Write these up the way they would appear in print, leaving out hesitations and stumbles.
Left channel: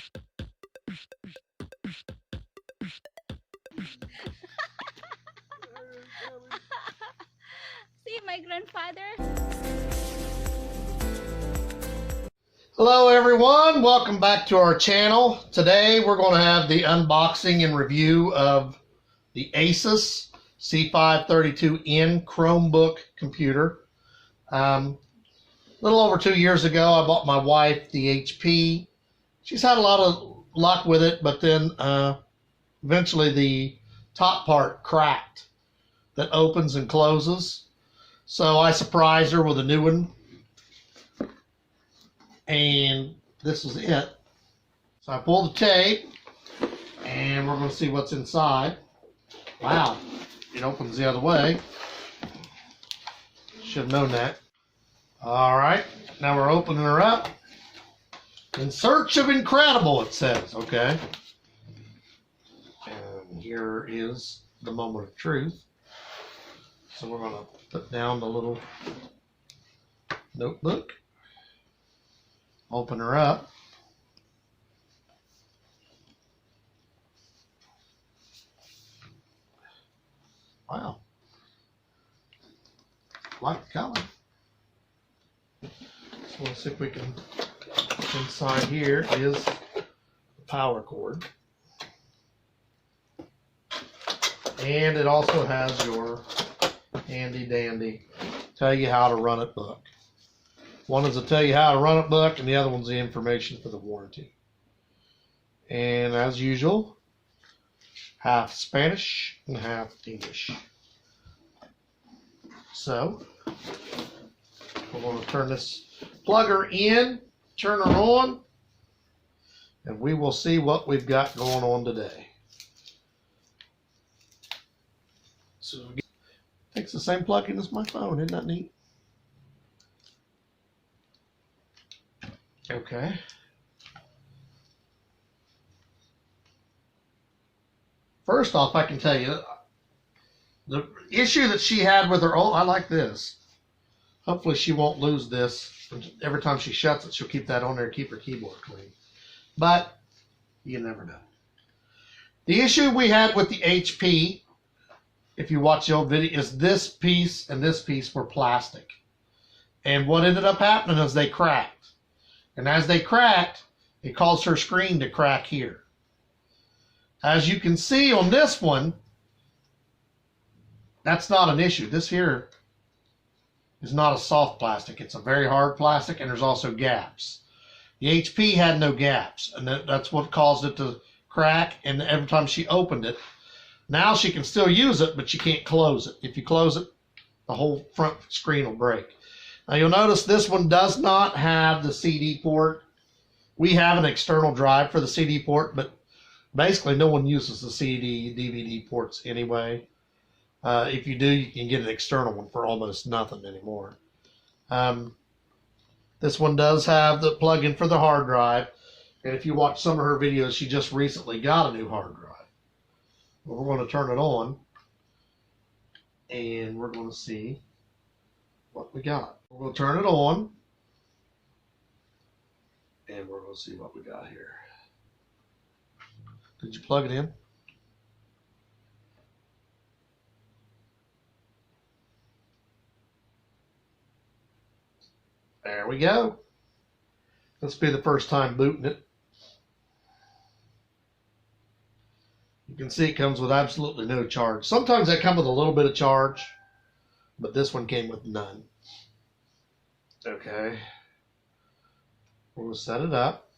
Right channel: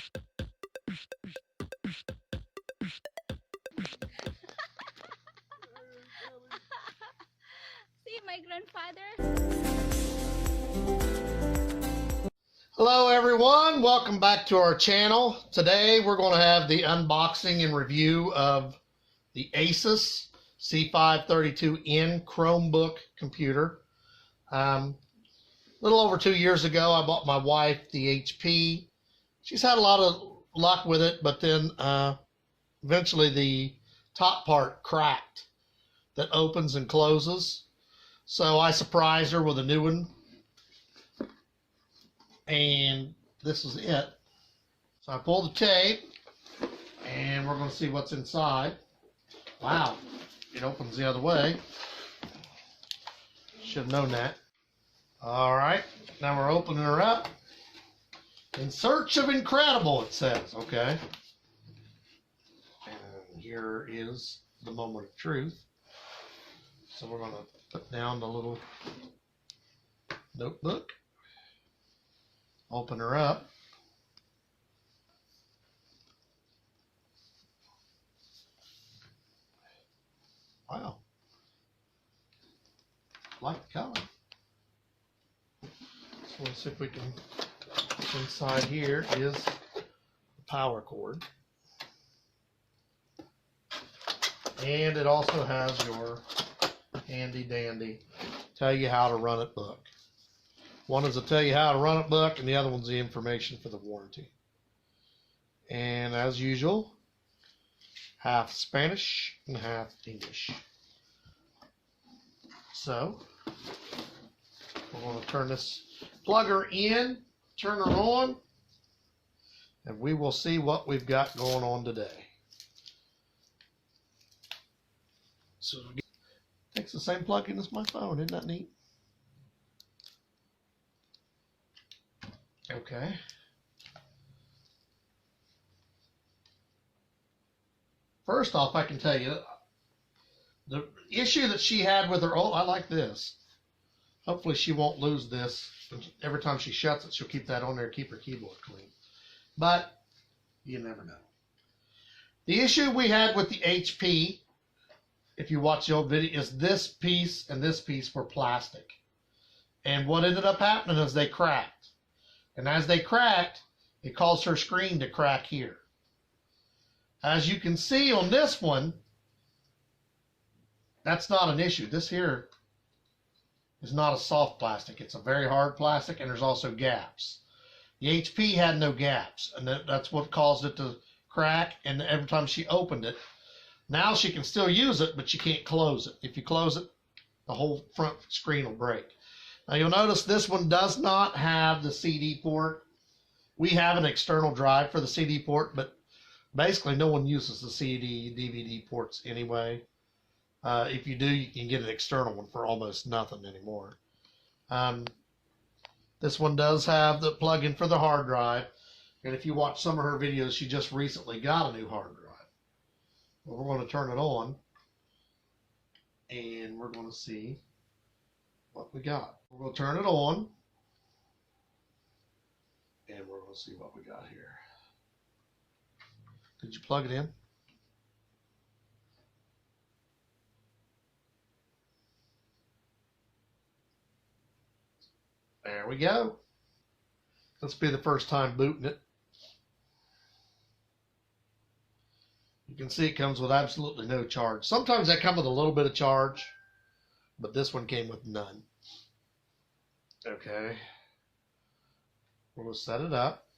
See my grandfather. Hello everyone, welcome back to our channel. Today we're going to have the unboxing and review of the Asus C532N Chromebook computer. A little over 2 years ago I bought my wife the HP. She's had a lot of luck with it, but then eventually the top part cracked that opens and closes. So I surprised her with a new one. And this is it. So I pull the tape and we're going to see what's inside. Wow, it opens the other way. Should have known that. All right, now we're opening her up. In search of incredible, it says. Okay. And here is the moment of truth. So we're going to put down the little notebook. Open her up. Wow. Like the color. So let's see if we can, inside here is the power cord. And it also has your handy dandy tell you how to run it book. One is to tell you how to run it book, and the other one's the information for the warranty. And as usual, half Spanish and half English. So, we're going to turn this, plug her in, turn her on, and we will see what we've got going on today. So, it takes the same plug-in as my phone, isn't that neat? Okay. First off, I can tell you, the issue that she had with her, oh, I like this. Hopefully she won't lose this. Every time she shuts it, she'll keep that on there and keep her keyboard clean. But you never know. The issue we had with the HP, if you watch the old video, is this piece and this piece were plastic. And what ended up happening is they cracked. And as they cracked, it caused her screen to crack here. As you can see on this one, that's not an issue. This here is not a soft plastic. It's a very hard plastic, and there's also gaps. The HP had no gaps, and that's what caused it to crack, and every time she opened it, now she can still use it, but you can't close it. If you close it, the whole front screen will break. Now you'll notice this one does not have the CD port. We have an external drive for the CD port, but basically no one uses the CD, DVD ports anyway. If you do, you can get an external one for almost nothing anymore. This one does have the plug-in for the hard drive. And if you watch some of her videos, she just recently got a new hard drive. Well, we're going to turn it on, and we're going to see what we got. We're going to turn it on, and we're going to see what we got here. Did you plug it in? There we go. This will be the first time booting it. You can see it comes with absolutely no charge. Sometimes they come with a little bit of charge, but this one came with none. Okay. We're going to set it up.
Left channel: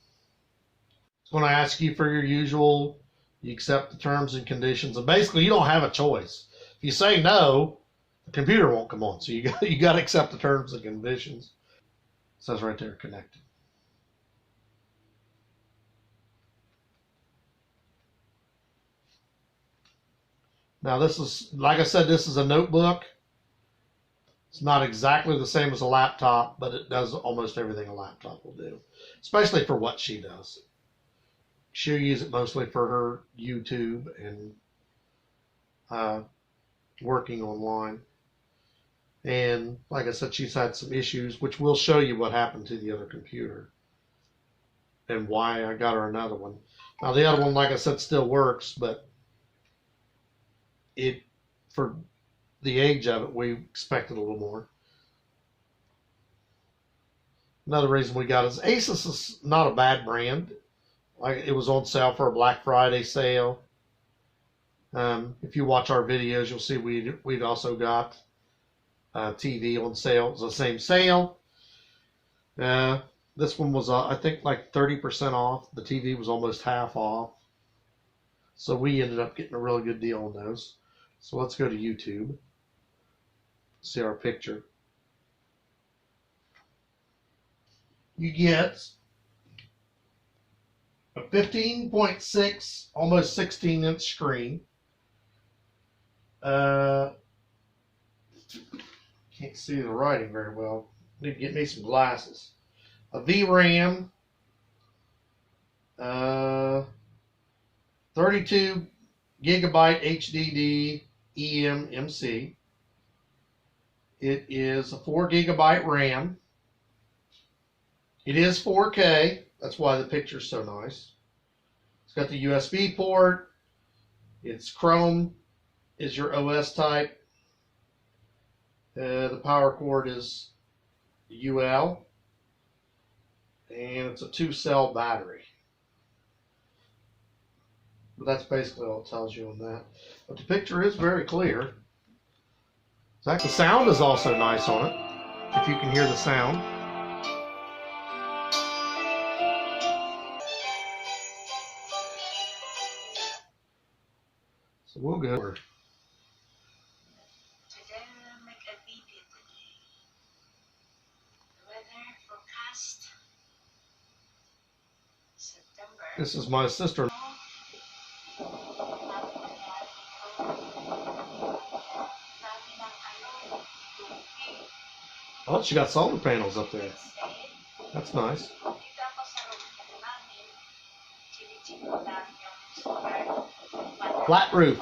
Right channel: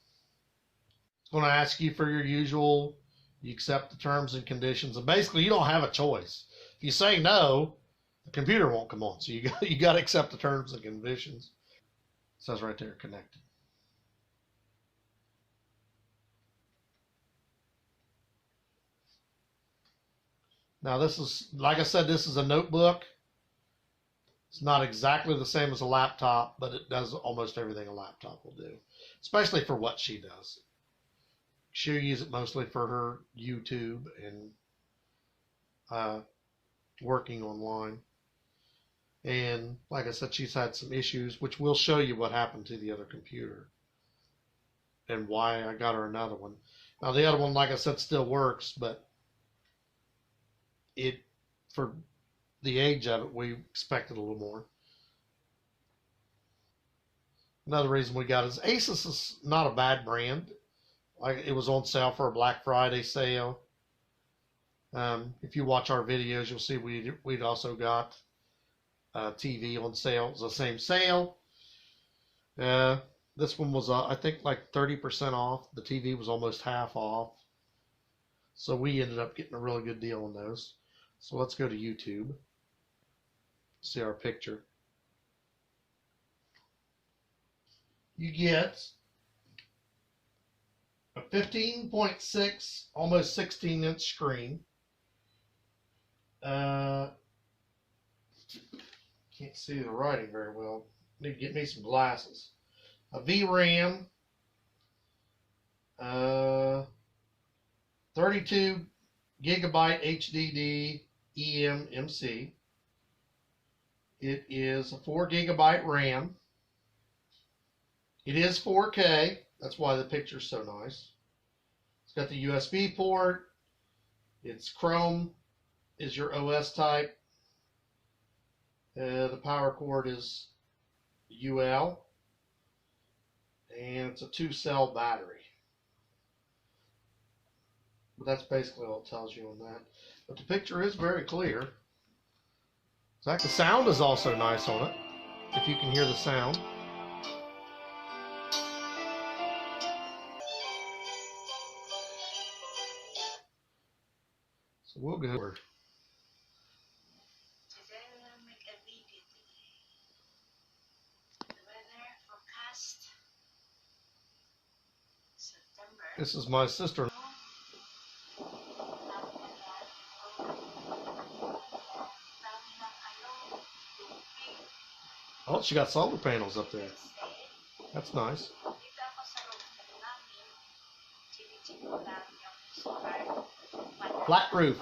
It's going to ask you for your usual, you accept the terms and conditions. And basically, you don't have a choice. If you say no, the computer won't come on. So you got to accept the terms and conditions. It says right there, connected. Now this is, like I said, this is a notebook. It's not exactly the same as a laptop, but it does almost everything a laptop will do, especially for what she does. She'll use it mostly for her YouTube and working online. And like I said, she's had some issues, which we'll show you what happened to the other computer. and why I got her another one. Now the other one, like I said, still works, but it, for the age of it, we expected a little more. Another reason we got it is Asus is not a bad brand. Like, it was on sale for a Black Friday sale. If you watch our videos, you'll see we'd also got TV on sale. It was the same sale. This one was, I think, like 30% off. The TV was almost half off. So we ended up getting a really good deal on those. So let's go to YouTube. See our picture. You get a 15.6, almost 16-inch screen. Can't see the writing very well. Need to get me some glasses. A VRAM, 32 gigabyte HDD eMMC. It is a 4 gigabyte RAM. It is 4K. That's why the picture's so nice. It's got the USB port. It's Chrome is your OS type. The power cord is UL. And it's a 2-cell battery. But that's basically all it tells you on that. But the picture is very clear. In fact, the sound is also nice on it, if you can hear the sound. So we'll go. Today we'll make a video today. The weather forecast September. This is my sister. Oh, she got solar panels up there. That's nice. Flat roof.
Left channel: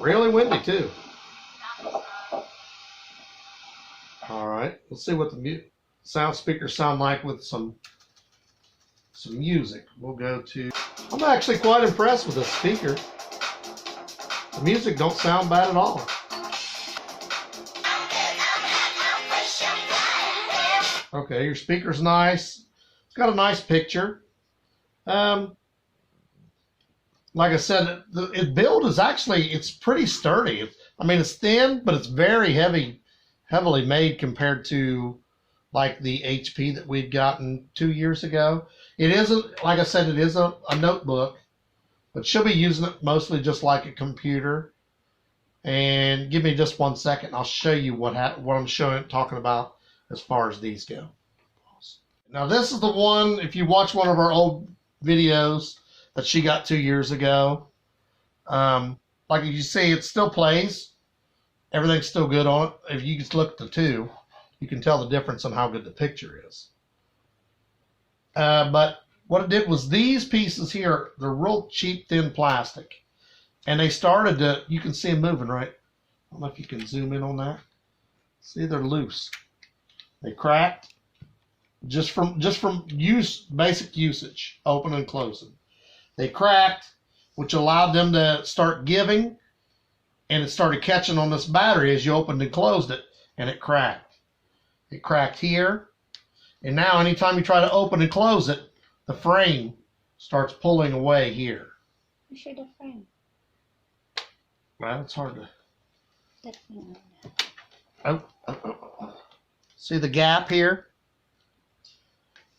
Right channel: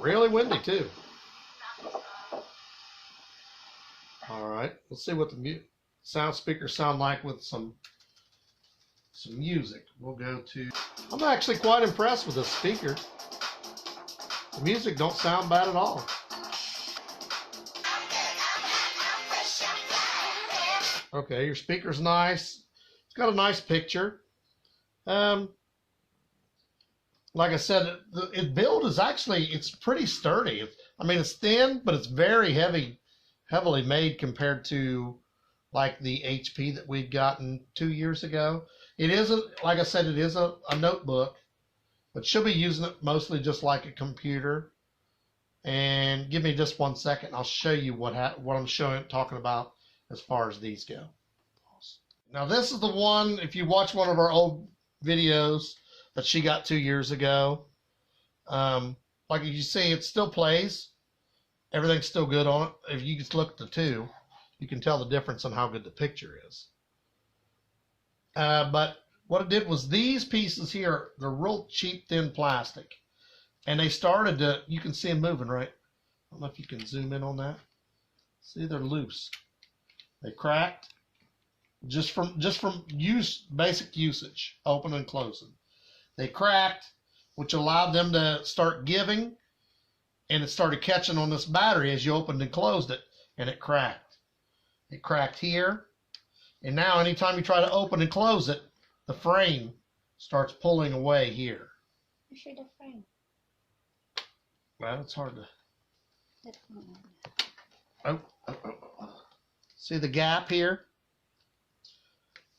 Really windy too. All right, let's see what the sound speakers sound like with some music. We'll go to. I'm actually quite impressed with this speaker. The music don't sound bad at all. Okay, your speaker's nice. It's got a nice picture. Like I said, the build is actually, it's pretty sturdy. I mean, it's thin, but it's very heavily made compared to like the HP that we'd gotten 2 years ago. It isn't, like I said, it is a notebook, but she'll be using it mostly just like a computer. And give me just 1 second. I'll show you what I'm talking about as far as these go. Now this is the one, if you watch one of our old videos that she got 2 years ago, like you see, it still plays. Everything's still good on it. If you just look at the two, you can tell the difference on how good the picture is. But what it did was these pieces here, they're real cheap, thin plastic. And they started to, you can see them moving, right? I don't know if you can zoom in on that. See, they're loose. They cracked just from basic usage, open and closing. They cracked, which allowed them to start giving, and it started catching on this battery as you opened and closed it, and it cracked. It cracked here, and now anytime you try to open and close it, the frame starts pulling away here. You show the frame. Well, it's hard to. That one. Oh. See the gap here?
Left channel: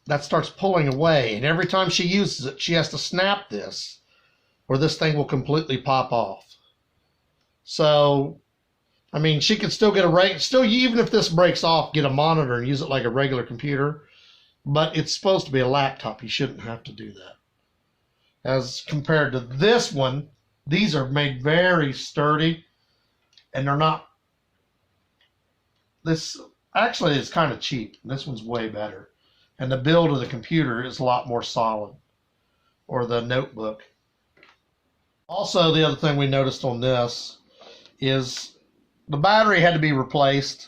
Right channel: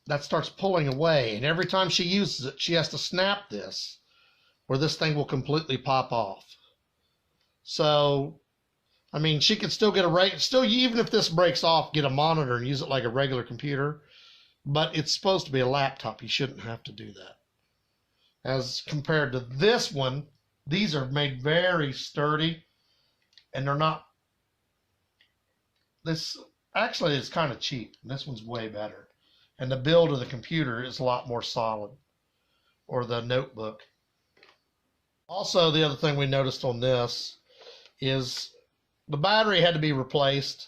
That starts pulling away, and every time she uses it, she has to snap this, or this thing will completely pop off. So, I mean, she can still get even if this breaks off, get a monitor and use it like a regular computer, but it's supposed to be a laptop. You shouldn't have to do that. As compared to this one, these are made very sturdy, and they're not. This actually is kind of cheap. This one's way better. And the build of the computer is a lot more solid, or the notebook. Also, the other thing we noticed on this is the battery had to be replaced,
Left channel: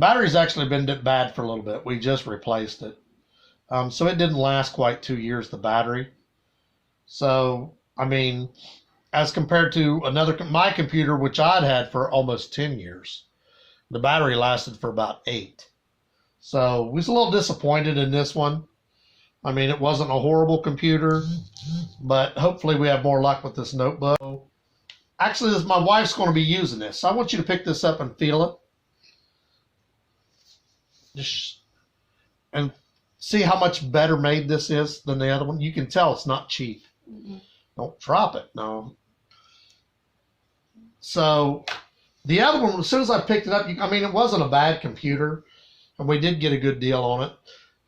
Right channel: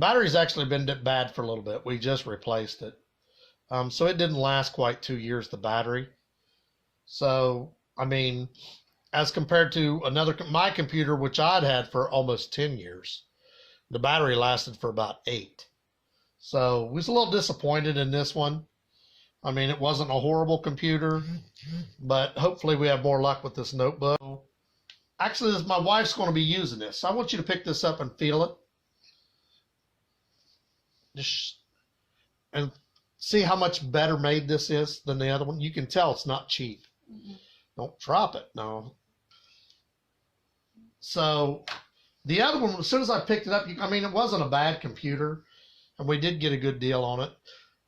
Battery's actually been bad for a little bit. We just replaced it. So it didn't last quite 2 years, the battery. So, I mean, as compared to my computer, which I'd had for almost 10 years, the battery lasted for about 8. So we was a little disappointed in this one. I mean, it wasn't a horrible computer, but hopefully we have more luck with this notebook. Actually, my wife's going to be using this. So I want you to pick this up and feel it. And see how much better made this is than the other one. You can tell it's not cheap. Mm-hmm. Don't drop it. No. So the other one, as soon as I picked it up, I mean, it wasn't a bad computer, and we did get a good deal on it.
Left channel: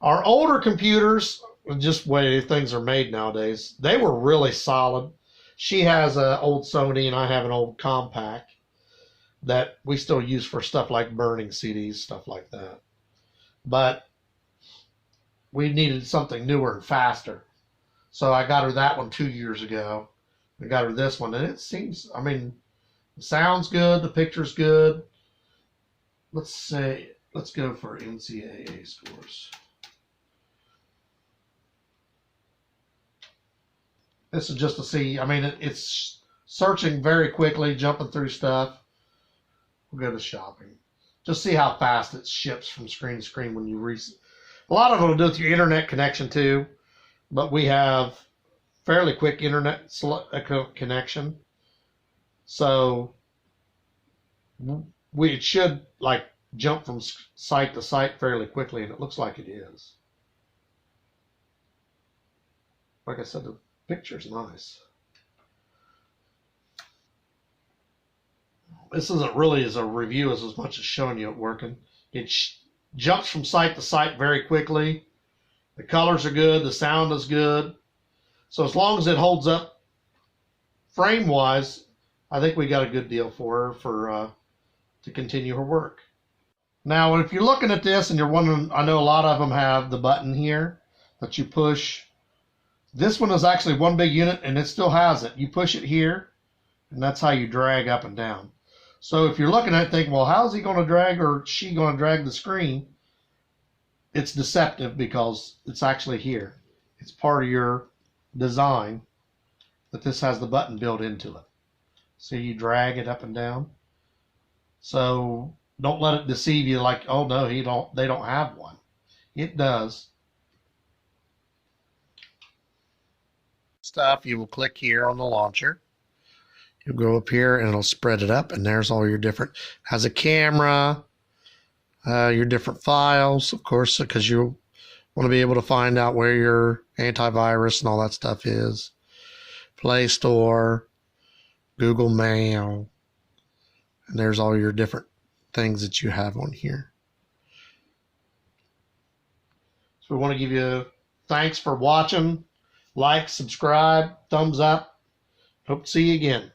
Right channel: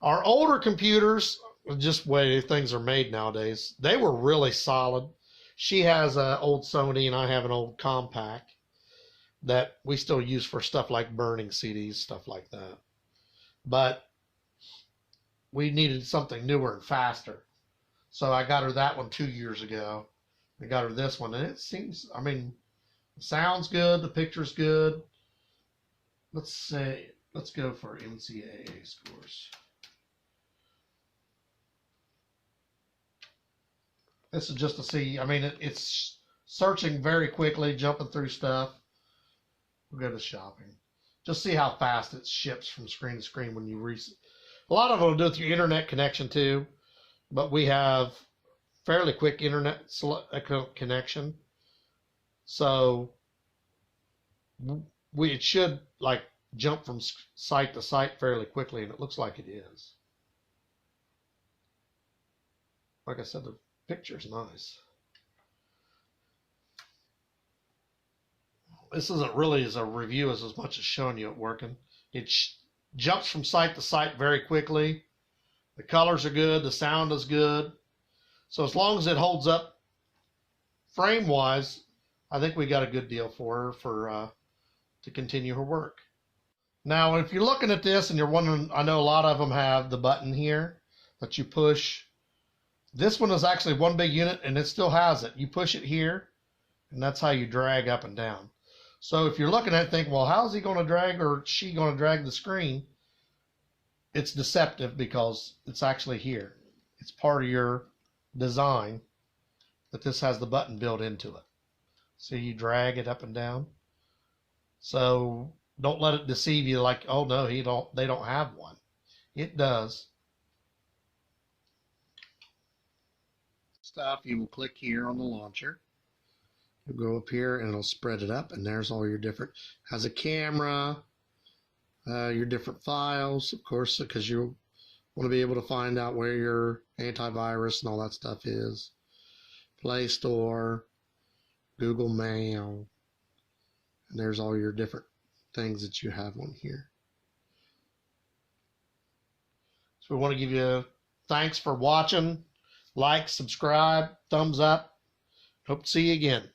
Our older computers, just the way things are made nowadays, they were really solid. She has an old Sony, and I have an old Compaq that we still use for stuff like burning CDs, stuff like that. But we needed something newer and faster. So I got her that one 2 years ago. I got her this one, and it seems, I mean, the sound's good, the picture's good. Let's go for NCAA scores. This is just to see, I mean, it's searching very quickly, jumping through stuff. We'll go to shopping. Just see how fast it ships from screen to screen when you a lot of it will do with your internet connection too, but we have fairly quick internet connection. So it should like jump from site to site fairly quickly, and it looks like it is. Like I said, the picture's nice. This isn't really as a review as much as showing you it working. It jumps from site to site very quickly. The colors are good. The sound is good. So as long as it holds up frame-wise, I think we got a good deal for her to continue her work. Now, if you're looking at this and you're wondering, I know a lot of them have the button here that you push. This one is actually one big unit, and it still has it. You push it here, and that's how you drag up and down. So if you're looking at it thinking, well, how's he going to drag or she going to drag the screen? It's deceptive because it's actually here. It's part of your design that this has the button built into it. So you drag it up and down. So don't let it deceive you like, oh no, they don't have one. It does. Stuff, you will click here on the launcher. You'll go up here and it'll spread it up, and there's all your different, has a camera, your different files, of course, because you want to be able to find out where your antivirus and all that stuff is. Play Store, Google Mail, and there's all your different things that you have on here. So we want to give you thanks for watching. Like, subscribe, thumbs up. Hope to see you again.